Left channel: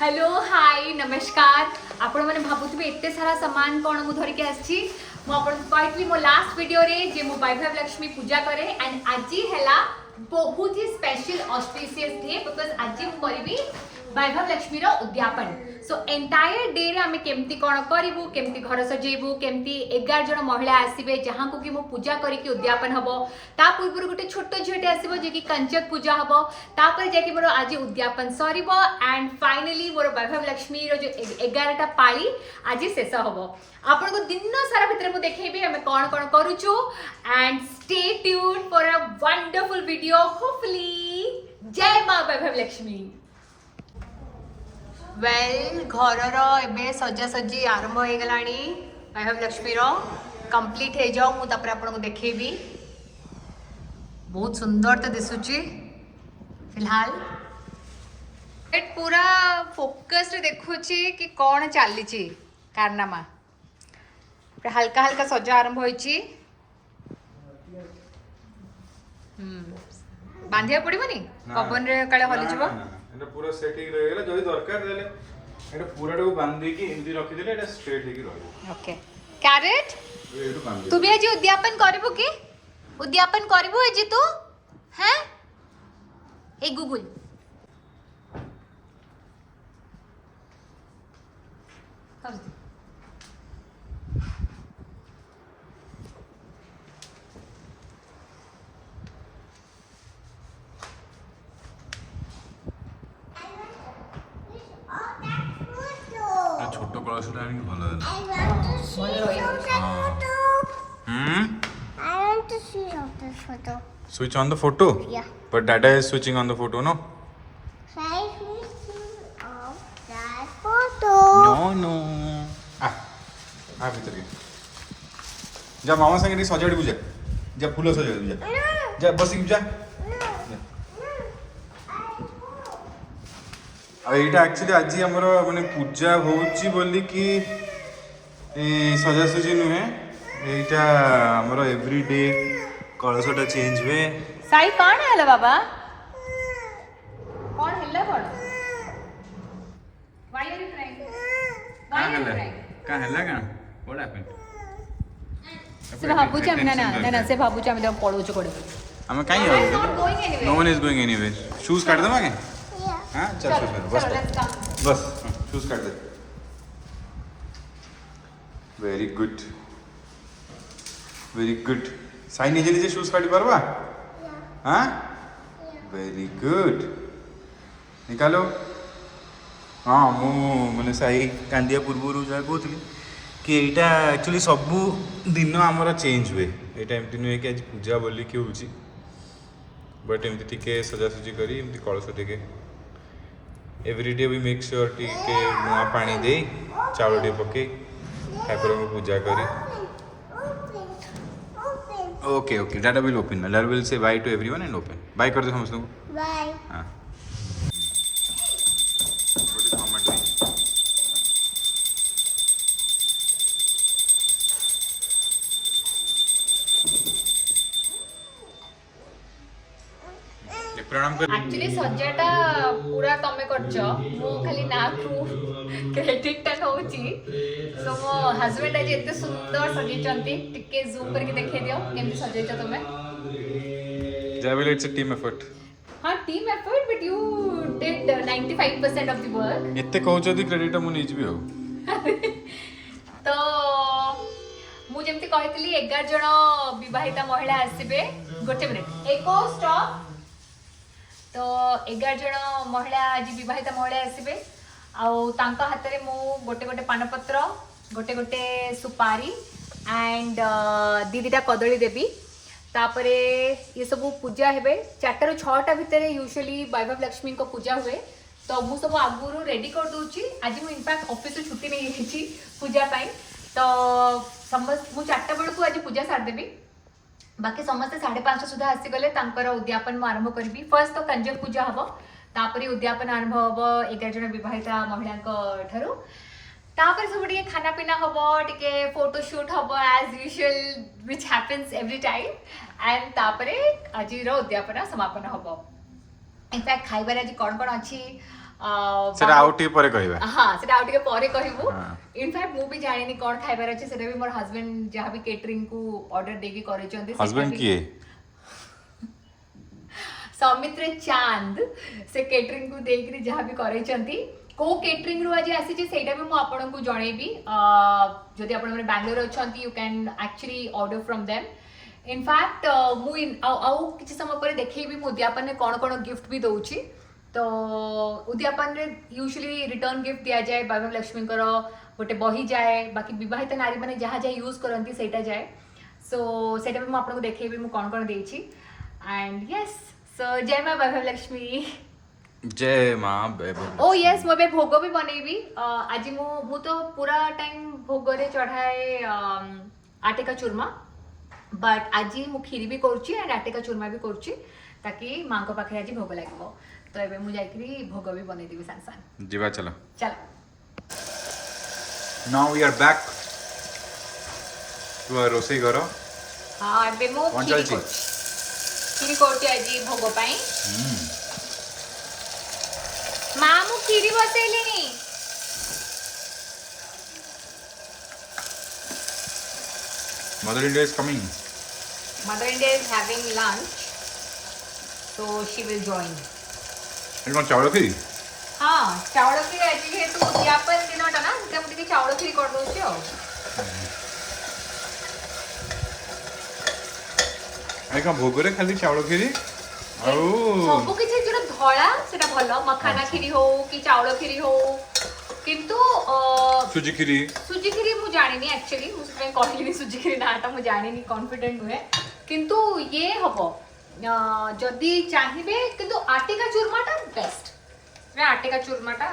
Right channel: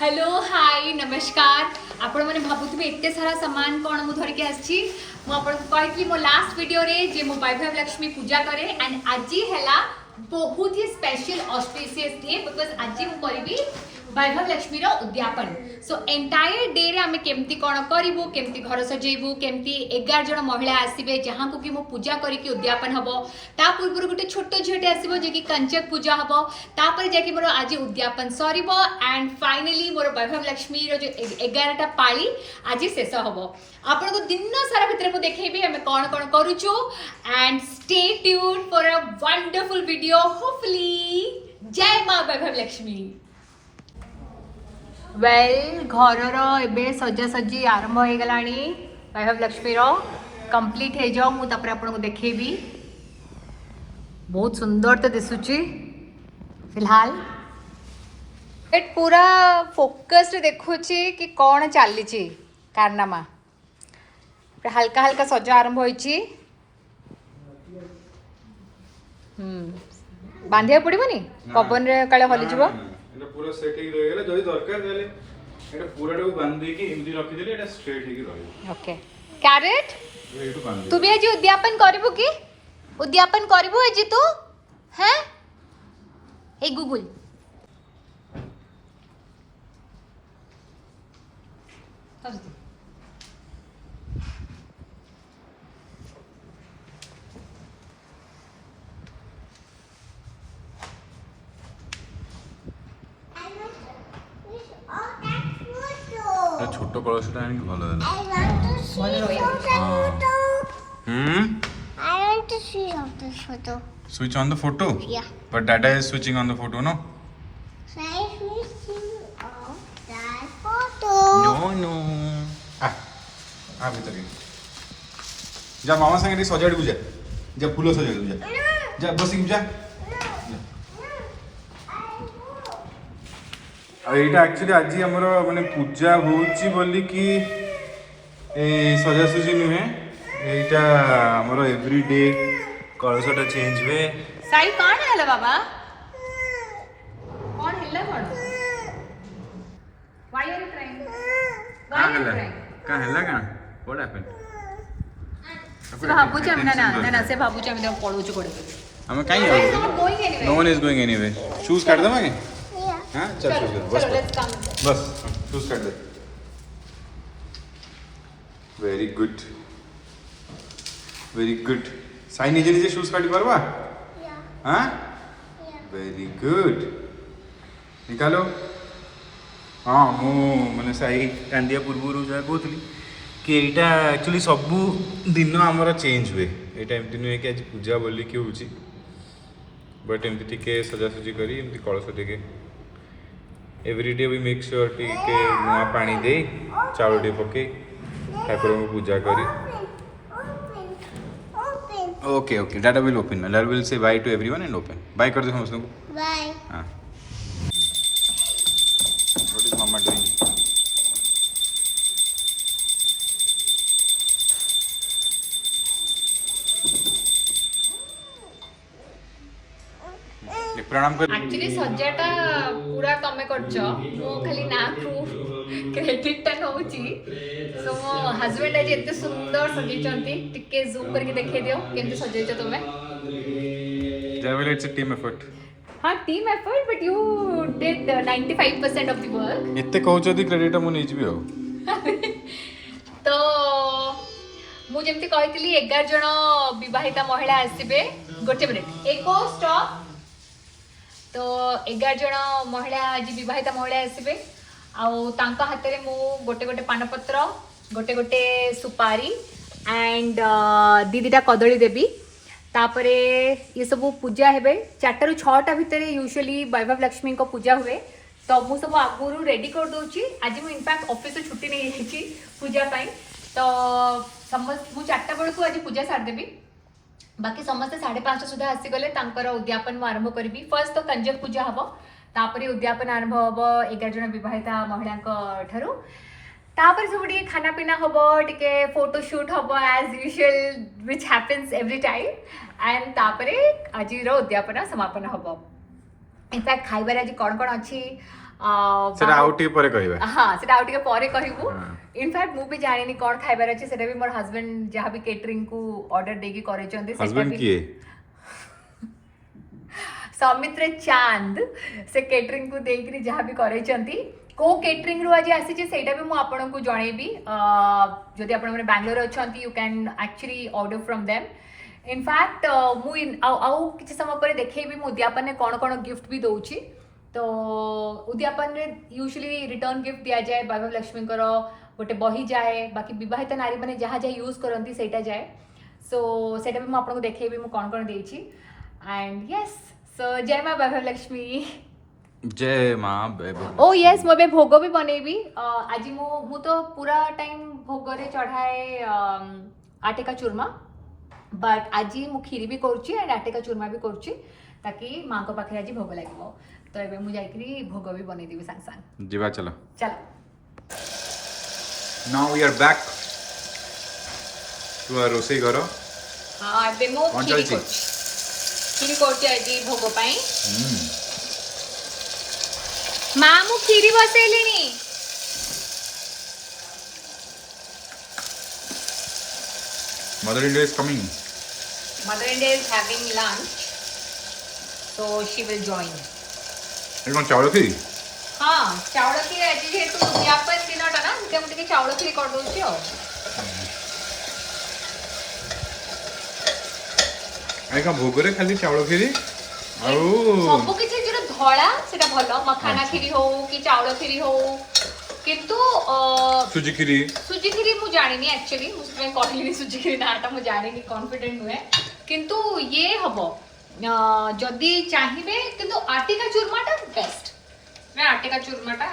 Hello hi नमस्कार आपण मैंने भावुवे एत सारा सामान कौन मुझे धरिकी आसी मुझे मो लास्ट वीडियो रे जे मो वैभव लक्ष्मी पूजा करे एंड आज है बहुत ही स्पेशल ऑस्पिशियस डे बिकॉज आज मुझे वैभव लक्ष्मी उद्यापन सो एंटायर डे रे आमे केमती कौन करूँ केमती घर सजेबू केमती 11 जन महिला आसबे जहाँ को कि मो पूजा करके उद्यापन हम ता पूर्व गोटे छोट झीटे आसो जे कि कंचक पूजा हम तापर जाकि मोर आज उद्यापन सर एंड फाइनाली मोर वैभव लक्ष्मी जो 11टा पाली आज शेष हम आपन को दिन सारा भितर मुझे देखी आम कौन कौन करुचु and stay tuned for a wonderful video hopefully जय मां वैभव लक्ष्मी वेल घर एबे सजासजी आरंभ हो गलानी वैभव लक्ष्मी कंप्लीट हो जाओ मुझे आपको देखेबी बहुत सुंदर तो दिसुची फिलहाल एट पूरा फोकस देखुची कि कौन चली कारनामा हल्का हल्का सजा आरंभ होइची बांधिया पड़ोनी पवन रे काले हली जीवो एटा पूरा सेटिंग रह गेला जदी दरकार देले एटा पूरा को बांधी की एमती रखि देले एटा स्ट्रेट हे की रहबो ओके कैरेट एटू बांधी तू भी आज उद्यापन करबो की उद्यापन करबो आज तू हैं ए गूगल छोट कलशटा आनी भलो देला भलो रही I want to see of this photo. switch on the photo Yeah. but dada is switching on the photo no Try switching off that photo. no आ भीतर के जा मामा संगे सजाड़ को जा फूल सजाड़ जा बस जा एटा एक्चुअली आज हमर माने पूजा होउची बोली कि ए सजासजी नुहे एटा हमर एवरीडे कलशटा चेंज हुए साई कौन है बाबा कौन है कौन व्हाई आर यू क्राइंग का हल्ला का व्हाट हैपेंड से भाबुची हम ना से भाबुची हम पळो छु कोडे हम काई आउ no one is going anyway shoes काट दमा के Yeah. हां चल शूज बस शूज काट दे वेरी गुड साई निजे निजे शूज काटी परबा Yeah. हां Yeah. वेरी गुड निकालो हाँ मु मैंने साई कांदिया पूर्व जहाँ कहती कि यहाँ एक्चुअली सबू दिन आमर चेंज हुए यहाँ एमती नुहे कि आज पूजा बोली कि हूँ बट एमती टिके सजासजी करी एमती कलश टिके एवरीडे वी मेक श्योर टिके नुआ पानी दे चाउल टे पके ठाकुर को पूजा करी Open. Okay okay data will open data will say by two everyone and open by कर दे समस्त को Bye. हाँ व्हाट इज मामा डूइंग प्रणाम कर एक्चुअली सजाटा पूरा तमे करछो मु खाली ना प्रूफ क्रेडिट टा होउची सो मो हस्बैंड आज एते सुंदर सजेचंती टिके जूम करके देखे दियो केमती सजेचो तुमे Javel, it's a team effort. हां team effort but you did 95% of the work एते कहउछ दी क्रेडिट मु नै जिबी हो तो मु जेमती कहितली 11 जण विवाहिता महिला आसीबे गोटे मिनिट एको स्टॉप तो 11 जण महिला आज विवाहिता महिला आसीबे आउ तांका हाथ रे मु गोटे गोटे पानपत्र गोटे गोटे सुपारी एंड दीदीटा कदली देवी तापरे ये सब पूजा हेबे 4 ରୁ 6टा भितर यूजुअली वैभव लक्ष्मी को पूजा हुए तो मु सब आगुरु रेडी कर दोची आज मु इनफैक्ट ऑफिस से छुट्टी नहीं जाइछि पूजा पाई तो समस्त मु 4टा बेल को आज पूजा सार देबी बाकी समस्त 5:30 सुधा आसी गले तांकर उद्यापन मु आरंभ करबी फर्स्ट तो कंजक पूजा हबो तापरे उद्यापन आरंभ हबो 11 जन विवाहिता महिलांक ठारू तापर सब टिके खाना पीना हबो टिके फोटो शूट हबो as usual which happens every time and तापरे आज रो उद्यापन समापन हबो इनफैक्ट खाइबार आज कौन कौन अच्छी ସେଟା ଆଉ ଟିକେ ପରେ କହିବା हाँ सेटा आउ टिके परे कहबू हाँ। इनफैक्ट मु भी जानिनी कोन खाइबार अछि सेटा भी मोर हस्बैंड जहाँ भी केटरिंग को ऑर्डर देकी करे चंदी हस्बैंड किए सौमित्र चांद से केटरिंग को देकरी जहाँ भी करे चंदी को केटरिंग रु आज आसी सेटा भी मु आपन को जणेबी जदि आपन माने बैंगलोर अछंती you can actually order from them in fact मु आउ किछि समय पर देखैबी मु उद्यापन ने कोन कोन गिफ्ट भी दउची तो उद्यापन रे यूजुअली रिटर्न गिफ्ट दिया जाए वैभव लक्ष्मी कर गोटे बही जाए बाकी विवाहित नारी माने जहाँ जहाँ यूज करती सेटा जाए सो सेटा भी मु आपन को देखैबी मु कोन कोन देइची एंड यस सो जय मां वैभव लक्ष्मी जय माँ वैभव ओ यस मो बे भोग भी बनेबी आज मु तो पूरा टाइम भोग रे चढ़ाए आटे का चूरमा बट आज मु खीरी भी करूची एंड आटे का चूरमा भी करूची ताकि मां को पाखे आज भोग लागो तो एबे मु जाइकरी भोग भी बनै देबी सांग सांग जीवा चलो चलो now we are back to our रोसई घर हां एबे मु कौन खीरी चलची? करूची खीरी करूची आज भोग पई मां मु खीरी बसैलिनी mother India is coming Mother India is having lunch, so she will join. ଏଠି କ'ଣ ଚାଉଳ ଖିରି हाँ चावल खीर आज जेहेतु उद्यापन दिनटा ना मुझे मुझे चावल खीर कर दउची हो ଏଇ କ'ଣ ଭୋଗରେ ଖାଲି ଚାଉଳ ଖିରି ଆଉ ସବୁ କିଛି ଯୋଟା ଧଳା ସେଟା ଭଲ ମଖାନା ଖିରି हो कि चावल खीरी हो किंतु ସୁଜି ଖିରି सुजी खीरी मु जानिनी एक्चुअली मु ସେଥିପାଇଁ କହିଲିନି सुजी खीरी नाटा मु जानिनी कॉन्फिडेंट हुए किंतु ये हबो जदी चाहिए किंतु आटे का चूरमाटा बेस्ट मैं आटे का चूरमाटा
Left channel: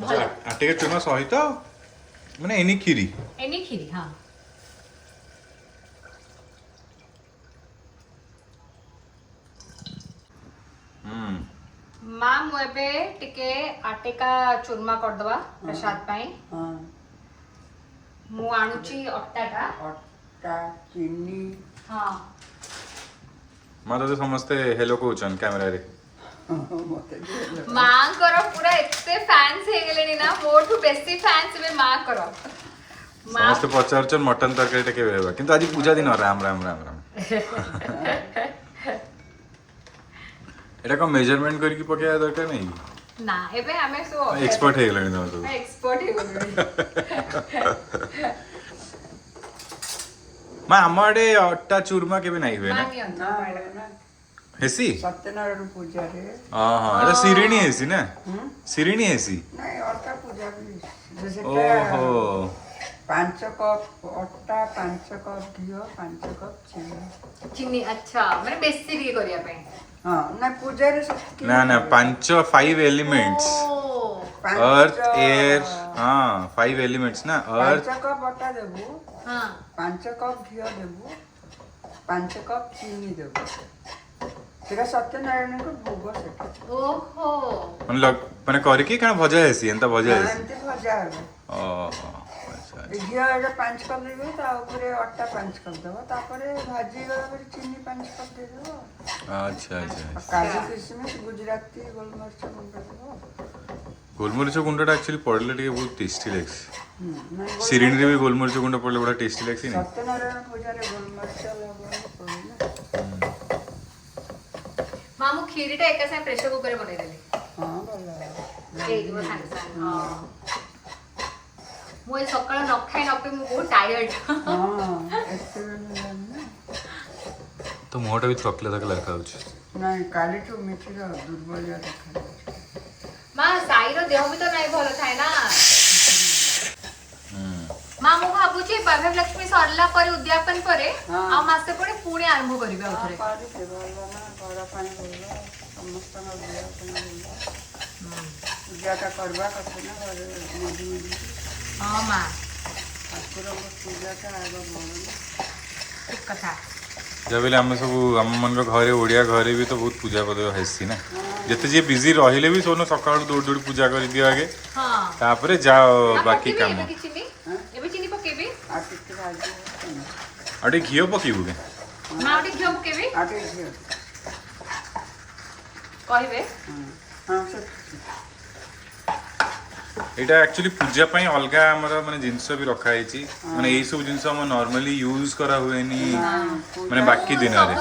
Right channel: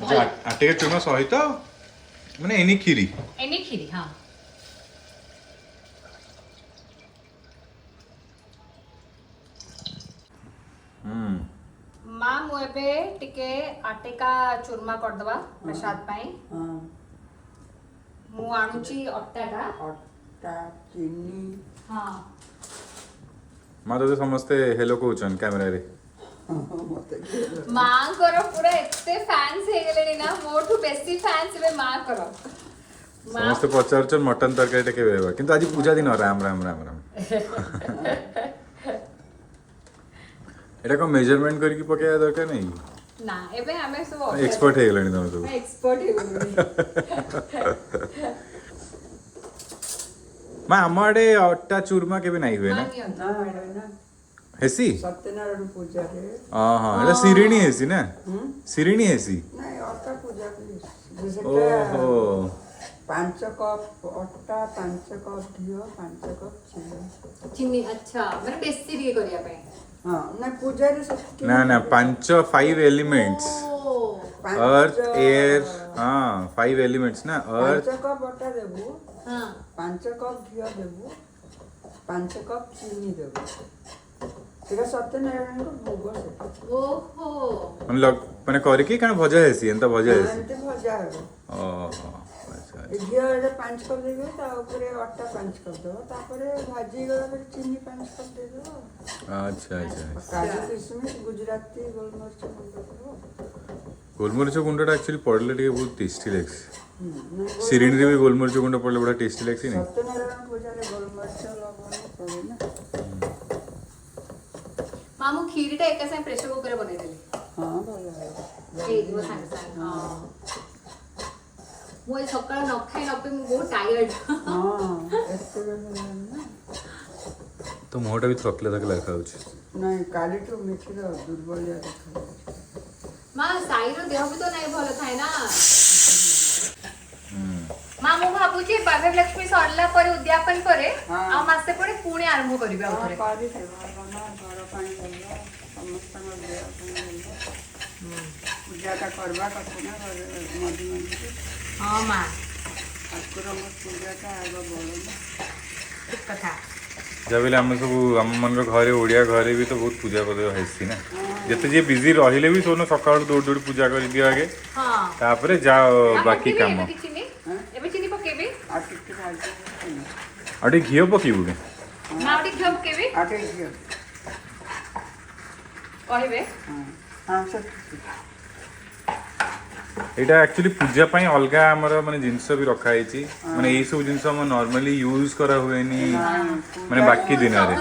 ଭଲ ଆଟିକା ଚୂର୍ମା ସହିତ ମାନେ ଏନି ଖିରି एनी खीरी हाँ माँ मु एबे टिके आटे का चूरमा कर दवा प्रसाद पाई मु आणुची अट्टाटा अट्टा चीनी हाँ ମାଁ ତତେ ସମସ୍ତେ ହେଲୋ କହୁଛନ୍ କ୍ୟାମେରାରେ मते दिए माँ करो पूरा इतने फैंस हे गेलेनी ना मोठू बेसी फैंस बे माँ करो माँ ସମସ୍ତେ ପଚାରୁଛନ୍ ମଟନ ତରକାରୀଟା କେବେ ହେବା କିନ୍ତୁ ଆଜି ପୂଜା ଦିନ ରାମ ରାମ ରାମ ରାମ ଏଇଟା କ'ଣ ମେଜରମେଣ୍ଟ କରିକି ପକେଇବା ଦରକାର ନାହିଁ ନା ଏବେ ଆମେ ସो ଏକ୍ସପର୍ଟ ହେଇଗଲାଣି ତମେ ସବୁ ଏକ୍ସପର୍ଟ हे गेलेनी ମା ଆମ ଆଡେ ଅଟା ଚୁର୍ମା କେବେ ନାହିଁ ହୁଏ ନା माँ नियंत्रण ना ना ହେସି सत्यनारायण पूजा रे ହଁ ଏଇଟା ଶିରିଣୀ ହେସି ନା ଶିରିଣୀ ହେସି नहीं अट्टा पूजा भी जैसे ଓହୋ 5 कप अट्टा 5 कप घियो 5 कप चीनी चिनी अच्छा मैंने बेसी ये करिया पे हाँ ना पूजा रे सब ନା ନା 5 एलिमेंट्स अर्थ एयर हाँ 5 एलिमेंट्स ना अर्थ 5 कप अट्टा देबू हाँ 5 कप घियो देबू 5 कप चीनी देबू तेरा सत्यनारायण को भोग सेटा ओहो ମାନେ କରିକି କାଣା ଭଜା ହେସି ଏନ୍ତା ଭଜା ହେସି एमती भजा है ଓହୋ ଆଚ୍ଛା घियो एटा 5 कप देबो ता ऊपर अट्टा 5 कप देबो तापरे भाजी गला पर चीनी 5 कप दे देबो ଆଚ୍ଛା ଆଚ୍ଛା काजू किशमिश गुजराती गोलमरिच गुंडा देबो ଗୋଲମରିଚ ଗୁଣ୍ଡଟା ଆକ୍ଚୁଆଲି ପଡ଼ିଲେ ଟିକେ ବହୁତ ଟେଷ୍ଟି ଲାଗ୍ସି नहीं ଶିରିଣୀରେ ବି ଗୋଲମରିଚ ଗୁଣ୍ଡ ପଡ଼ିଲେ ବଢ଼ିଆ ଟେଷ୍ଟି ଲାଗ୍ସି ନାଇଁ सत्यनारायण पूजा रे गोलमरिच लगो पड़े ना माँ मु खीरीटा एका साथ प्रेशर कुकर बनै देली हां भला एक दो साथ साथ हां मु आज सकाळ न खाई न पी मु बहुत टायर्ड हां एते बेला ना ତ ମୁହଁଟା ବି ଥକିଲା ଥକିଲା ଦେଖାଯାଉଛି नहीं काली तो मिठी रो दुर्बलिया देखा माँ साई रो देह भी तो नहीं भल थाए ना माँ मु भाबुची वैभव लक्ष्मी सरला परे उद्यापन परे हाँ। आ मासे परे पुणे आरंभ करिबा उथरे पारी से बोला ना घर पानी बोला समस्त ना देह पानी बोला पूजाटा करबा कते ना घरे मधु हां माँ ठाकुर पूजाटा आगो बोला ठीक कथा ଯାହା ବି ହେଲେ ଆମେ ସବୁ ଆମମାନଙ୍କ ଘରେ ଓଡ଼ିଆ ଘରେ ବି ତ ବହୁତ ପୂଜା ପର୍ବ ହେସି ନା ଯେତେ ଯିଏ ବିଜି ରହିଲେ ବି ସବୁ ସକାଳୁ ଦୌଡ଼ି ଦୌଡ଼ି ପୂଜା କରିଦିଅ ଆଗେ हां ତାପରେ ଯାଅ ବାକି କାମ चिनी हाँ? एबे चिनी पकेबी आटे की भाजी ଆଉ ଟିକେ ଘିଅ ପକେଇବୁ କି माँ उठी घियो पकेबी आटे घियो कहबे हाँ हाँ सब এটা एक्चुअली पूजा ପାଇଁ ଅଲଗା ଆମର ମାନେ ଜିନିଷ ବି ରଖା ହେଇଛି ମାନେ ଏଇ ସବୁ ଜିନିଷ ଆମ ନର୍ମାଲି ୟୁଜ କରା ହୁଏନି ମାନେ ବାକି ଦିନରେ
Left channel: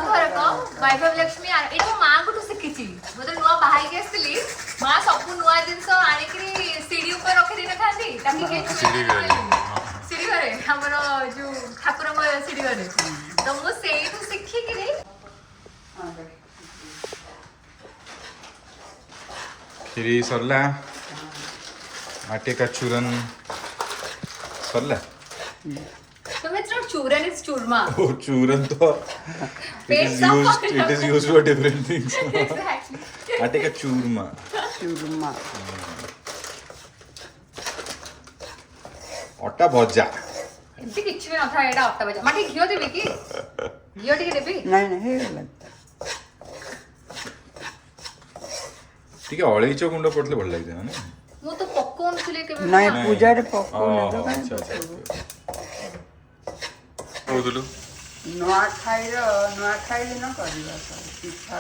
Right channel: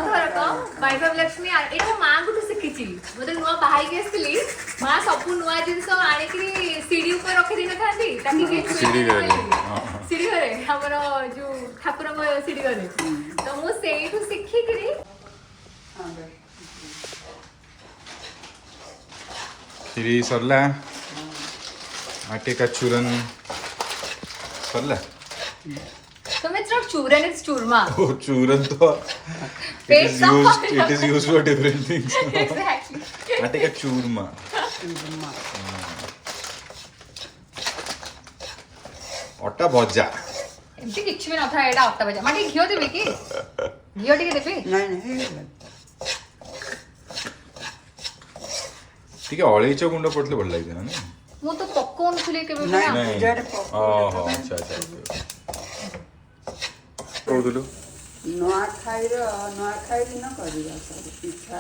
ବୈଭବ ଲକ୍ଷ୍ମୀ ଏଇଟା ମୋ ମାଆଙ୍କଠୁ ଶିଖିଛି ମୁଁ ଯେତେବେଳେ ନୂଆ ବାହା ହେଇକି ଆସିଥିଲି ମା ସବୁ ନୂଆ ଜିନିଷ ଆଣିକିରି ସିଡି ଉପରେ ରଖିଦେଇ ନଥାନ୍ତି ତାକି ସିଡି ଘରେ ସିଡି ଘରେ ଆମର ଯୋଉ ଠାକୁରଙ୍କ ସିଡି ଘରେ ତ ମୁଁ ସେଇଠୁ ଶିଖିକିରି हाँ भाई କ୍ଷୀରି ସରିଲା आटे का चूरन सरला तुम्हें सिर्फ चूरन इज चूरमा ओ चूरन तो it is used for different things आटे का चूरमा चूरमा ଅଟା ଭଜା ଏମିତି କିଛି ବି ନଥାଏ ଏଇଟା ଅଟା ଭଜା ମାନେ ଘିଅ ଦେବି କି ଘିଅ ଟିକେ ଦେବି नहीं नहीं ଟିକେ ଅଳେଇଚ ଗୁଣ୍ଡ ପଡିଲେ ଭଲ ଲାଗିଥାଏ ନା ମୁଁ ତ ପକଉନଥିଲି କେବେ ବି नहीं ନା। पूजा रे ଓହୋ ଆଚ୍ଛା ଆଚ୍ଛା କହୁଥିଲୁ ନୂଆଖାଇ ଦିନ କରିବା ସବୁ ପିଠା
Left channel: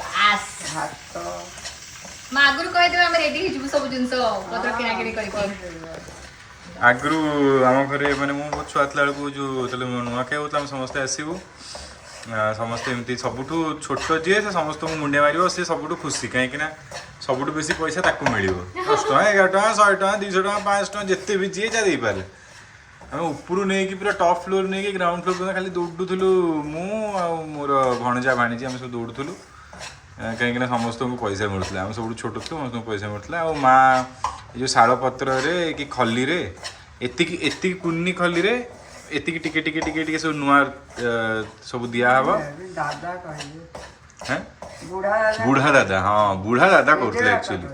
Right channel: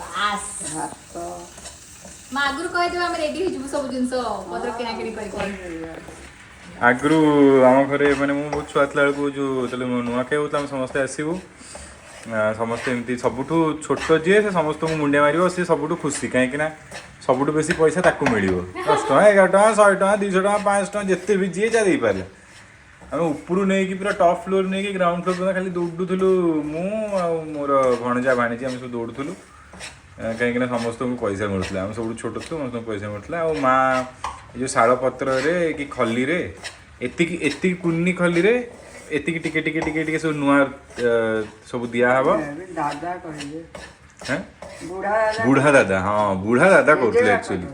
ବାସ୍ ଭାତ ମା ଆଗରୁ କହିଦେବେ ଆମେ ରେଡି ହେଇଯିବୁ ସବୁ ଜିନିଷ ପତ୍ର କିଣାକିଣି କରିକି କରିଦେବା ଆଗରୁ ଆମ ଘରେ ମାନେ ମୁଁ ବହୁତ ଛୁଆ ଥିଲା ବେଳକୁ ଯୋଉ ଯେତେବେଳେ ନୂଆଖାଇ ହଉଥିଲା ଆମେ ସମସ୍ତେ ଆସିବୁ ସମସ୍ତେ ଏମିତି ସବୁଠୁ ଛୋଟ ଯିଏ ସେ ସମସ୍ତଙ୍କୁ ମୁଣ୍ଡିଆ ମାରିବ ସେ ସବୁଠୁ ଖୁସି କାହିଁକି ନା ସବୁଠୁ ବେଶୀ ପଇସା ତାକୁ ମିଳିବ 10 ଟଙ୍କା 11 ଟଙ୍କା 100 ଟଙ୍କା 200 ଟଙ୍କା 500 ଟଙ୍କା ଯେତେ ବି ଯିଏ ଯାହା ଦେଇପାରିଲେ ଆମେ ଉପରୁ ନେଇକି ପୁରା ଟପ୍ ଫ୍ଲୋର ନେଇକି ଗ୍ରାଉଣ୍ଡ ଫ୍ଲୋର ପର୍ଯ୍ୟନ୍ତ ଖାଲି ଦୌଡ଼ୁଥିଲୁ ମୁଁ ଆଉ ମୋର ଭଣଜା ଭାଣିଜୀ ଆମେ ସବୁ ଦୌଡ଼ୁଥିଲୁ କାହିଁକି ନା ସମସ୍ତଙ୍କୁ ପଇସା ମିଳୁଥିଲା ଆମେ ସବୁଠୁ ଛୋଟ ଥିଲୁ ସମସ୍ତଙ୍କୁ ପଇସା ମିଳୁଥିଲା ଆଉ ମା ଏ ଯେଉଁ ଶାଳ ପତ୍ରରେ କି ଖଲିରେ ଏତିକି କୁନି ଖଲିରେ ଏତିକି ଟିକେ ଟିକେ ଟିକେ ଟିକେ ସବୁ ନୂଆ ସବୁ ଦିଆହବ ଦାଦା କହିଲେ ହେଁ ବୁଢା ଦାଦା ହଁ ବୁଢା ଦାଦା କରୁଥିଲେ ଆକ୍ଚୁଆଲି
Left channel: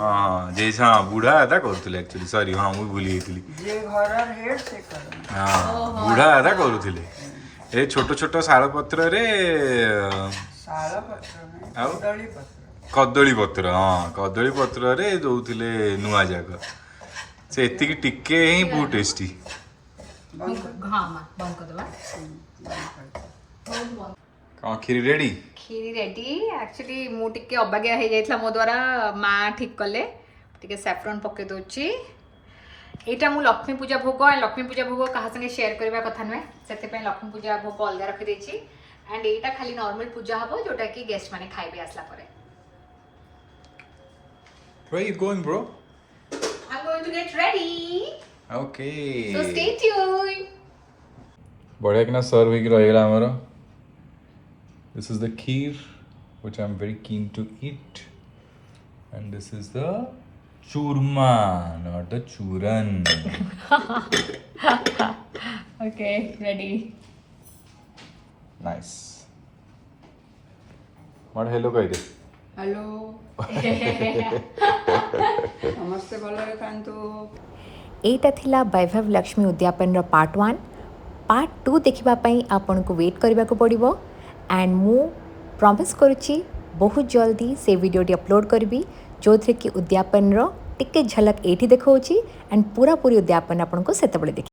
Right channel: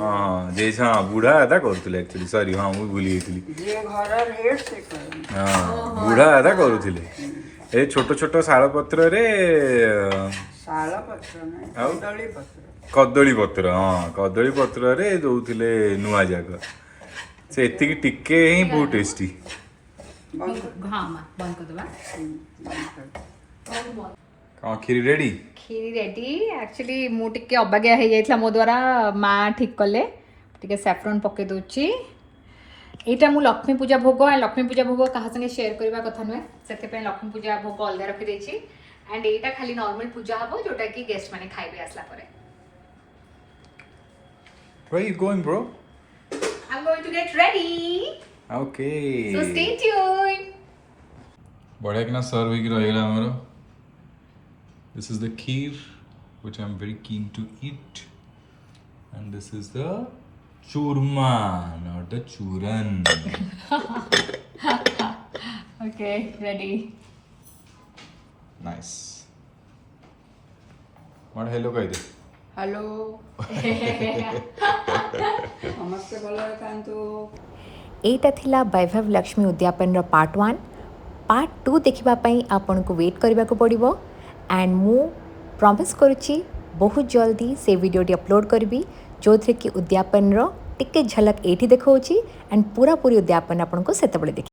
ହଁ ଯେ ହଁ ବୁଢା ଦାଦା କରୁଥିଲେ ଆକ୍ଚୁଆଲି ସରି ହଁ ମୁଁ ଭୁଲି ଯାଇଥିଲି ଯିଏ ଘରର ହେଡ୍ ସେ କରେ ହଁ ବୁଢା ଦାଦା କରୁଥିଲେ ଏ ଛୋଟ ଛୋଟ ଶାଳ ପତ୍ରରେ ଶାଳ ପତ୍ର ନାହିଁ ଆଉ? କଦଳୀ ପତ୍ର କଦଳୀ ପତ୍ର ହଁ କଦଳୀ ପତ୍ରରେ ଦଉଥିଲେ ନୂଆ ଯାକ ସେ ଏତିକି ଟିକେ ହିଁ ବହୁତ ଟେଷ୍ଟି ହଁ ମା ବନ୍ଦ କରିଦେବା କ'ଣ କ୍ଷୀରି ରେଡି କ୍ଷୀରି ରେଡି ଆକ୍ଚୁଆଲି ମୁଁ ଟିକେ ଅବାଗିଆ ହେଇଯାଇଥିଲା ମୋ ଦ୍ୱାରା ମା ଠିକ୍ କଲେ ଟିକେ ସାଫ୍ରନ୍ ପକେଇ ଦେଉଛି ଏଇଟା ମୁଁ ଲକ୍ଷ୍ମୀ ପୂଜା ଭୋଗ ଲକ୍ଷ୍ମୀ ପୂଜା ଭୋଗ କାହା ସାଙ୍ଗେ ସେୟାର କରିବା କଥା ନୁହେଁ ସେଥିପାଇଁ ଲକ୍ଷ୍ମୀ ପୂଜା ଭୋଗ ଅଲଗା ରଖିଦେଇଛି ଆଣ୍ଡ ଏଇଟା ଖାଲି ନର୍ମାଲ ପୂଜା ହବ ଯୋଉଟା କି ଗେଷ୍ଟ ମାନେ ଖାଇବେ ଆସିଲା ପରେ Where are you going, bro? I'm going to get ready. Okay. So stay tuned. बढ़िया कि ना सर्व होगी रहेगा हमारा. This is the kheer, which I'm very keen to eat, and this is the churma, not the churan. Okay, ready. Nice. What hello कहते? Hello ସମସ୍ତେ ଭଲରେ ଥାନ୍ତୁ ଏଇଟା ଥିଲା ବୈଭବ ଲକ୍ଷ୍ମୀ ଉଦ୍ୟାପନର ପାର୍ଟ 1 ପାର୍ଟ 2 ଦେଖିବା ପାଇଁ ଆପଣଙ୍କୁ ୱେଟ୍ କରିବାକୁ ପଡ଼ିବ ଆଣ୍ଡ ମୁଁ ପ୍ରମିସ୍ କରୁଛି ବହୁତ ଜଲ୍ଦି ସେ ଭିଡ଼ିଓଟି ଅପଲୋଡ଼ କରିବି ଯେଉଁଥିରେ କି ଉଦ୍ୟାପନର ଟିକେ ଝଲକ ଏଇଠି ଦେଖାଉଛି ଆଣ୍ଡ ପୁରାପୁରି ଉଦ୍ୟାପନ ଆପଣଙ୍କୁ ସେତେବେଳେ ଦେଖି